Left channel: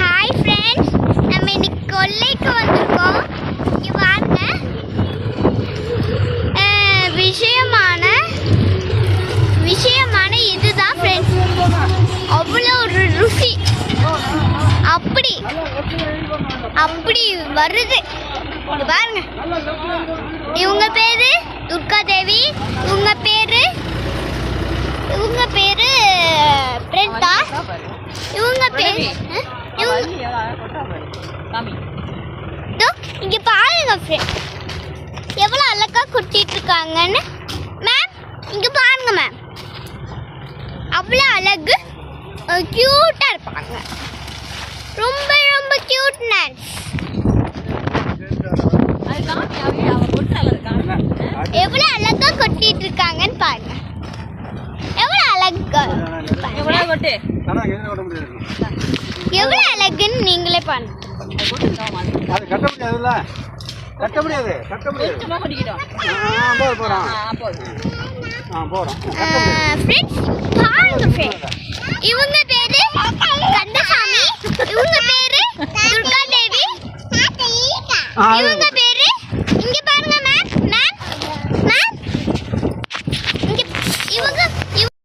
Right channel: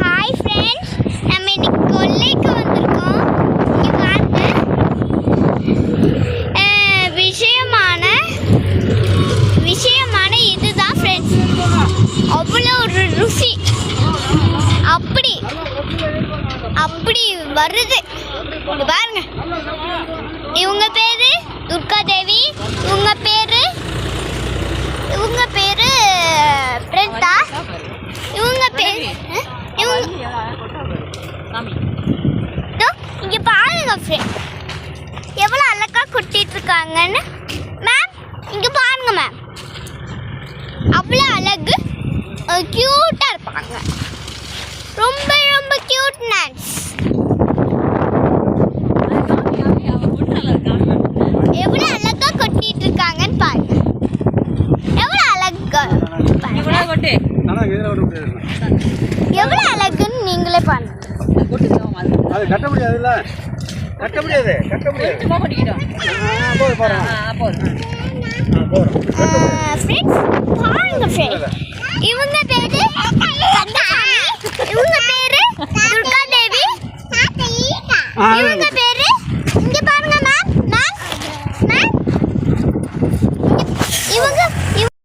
Hi friends, நம்ம இன்னைக்கு கொல்லைக்கு வந்திருக்கோம். இங்கே பாருங்க, விஷயமான இதுதான் ஃப்ரெண்ட்ஸ். அவ்வளோ ஒரு ருசி அப்படி வருது. இங்க பாருங்க, இவங்க பேரு துர்கா தேவி, இவங்க பேரு பிரேதா, இவங்க பேரு இங்க பாருங்க ஃப்ரெண்ட், எவ்வளோ அழகா கொட்டிட்டு இருக்காங்கன்னு. மேம் இங்க பாருங்க மேம், அவ்வளோ அழகு, கியூட்டா இருப்பாங்க. ரொம்ப ரொம்ப கியூட்னஸ். எவ்வளோ அழகா கொட்டிட்டு இருக்காங்கன்னு பாருங்க. எவ்வளோ அழகா, எவ்வளோ அழகுன்னு நீங்களே பாருங்க. இவங்க பேரு கந்தசாமி, இவங்க பேரு துர்கா தேவி, இவங்க பேரு